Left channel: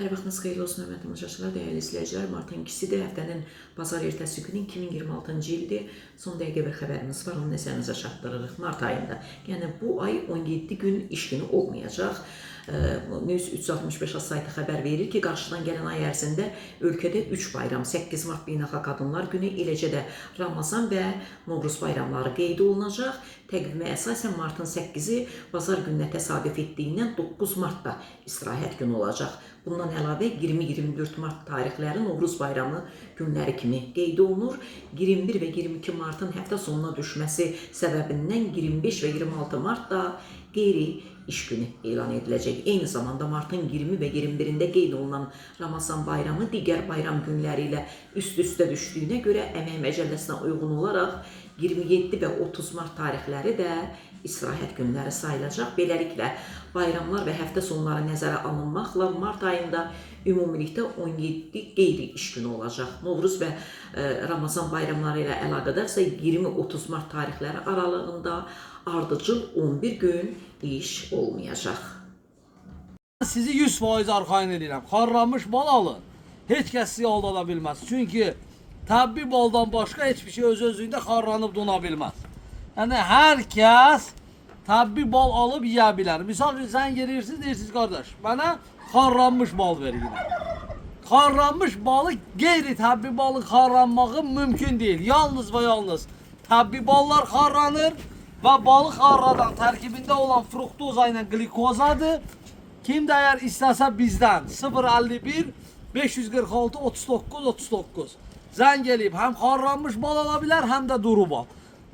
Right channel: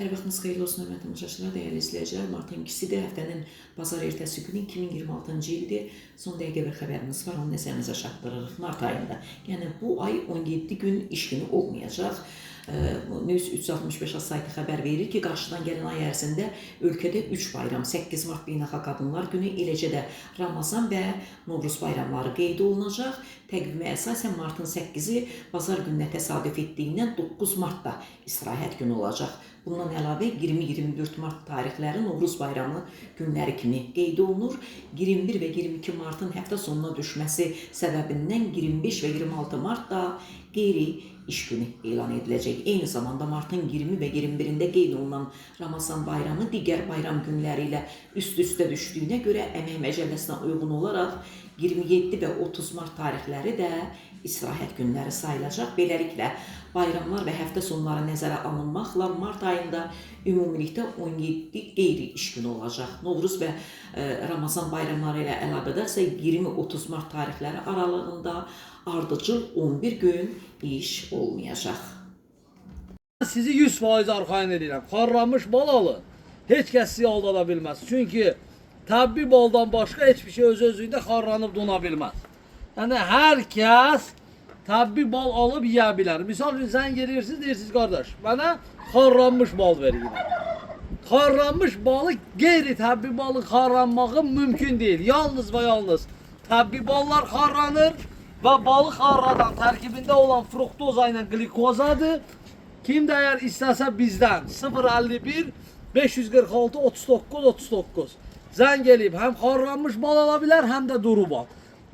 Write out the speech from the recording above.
Hər vaxtınız xeyirli olsun, hörmətli tamaşaçılar, dəyərli izləyicilər. Martın 2-sidir, həftənin bazar ertəsi günü 2026-cı ildir. Son dəqiqə bir xəbərimiz var, onu nəzərinizə çatdırırıq. Mart ayında, yəni bu ay 17 gün iş günü olmayacaq. News 365 saytı xəbər verir ki, qarşıdan gələn ay ərzində ölkədə 3 bayram, 8 Mart Beynəlxalq Qadınlar Günü, eləcə də Ramazan və Novruz bayramları qeyd olunacaq. Təqvimə əsasən martın 8-i bazar gününə təsadüf etdiyindən 9 Martda istirahət günü olacaq. Bundan əlavə 20-24 Mart tarixləri Novruz bayramı günləri kimi qeyd olunur. 21 və 22 Martın həftə sonuna düşməsi səbəbindən 25 və 26 Martda qeyri iş günü elan ediləcək. Eyni zamanda martın 20 və 21-də qeyd olunan Ramazan bayramı digər bayram günləri ilə üst-üstə düşdüyünə görə Əmək Məcəlləsinə uyğun olaraq 27 və 30 Mart tarixləri də istirahət günləri sayılacaq. Beləliklə, bayramlar və həftə sonları nəzərə alınmaqla Mart ayında ümumilikdə 17 qeyri iş günü olacaq. Novruz və Ramazan bayramları ilə əlaqədarsa 20-30 Mart tarixləri aralığında ardıcıl 11 gün iş olmayacaq. Sizi 100% arxayın edirəm. Xarlanmış bal alın. Heç kəs sizi aldada bilməz. Çünki təbii baldan başqa heç bir şey öz-özlüyündə xarlanıb dona bilməz. Yəni hər kəs təbii bal alıb yeyə bilər. Misal üçün sən gelirsiniz, deyirsiniz qardaş, mənə xarlanmış bal verin. Xarlanmış balı qeyri-təbii balın xarlanmağı mümkün deyil. Yalnız və yalnız təbii ballar xarlanır və balı xarladan tərkibində olan fruktoza ilə glikozadır. Kim də əgər istəsə bizdən 051 546 39 39 zəng eləyib həm xarlanmış bal ala bilər, həm də duru bal.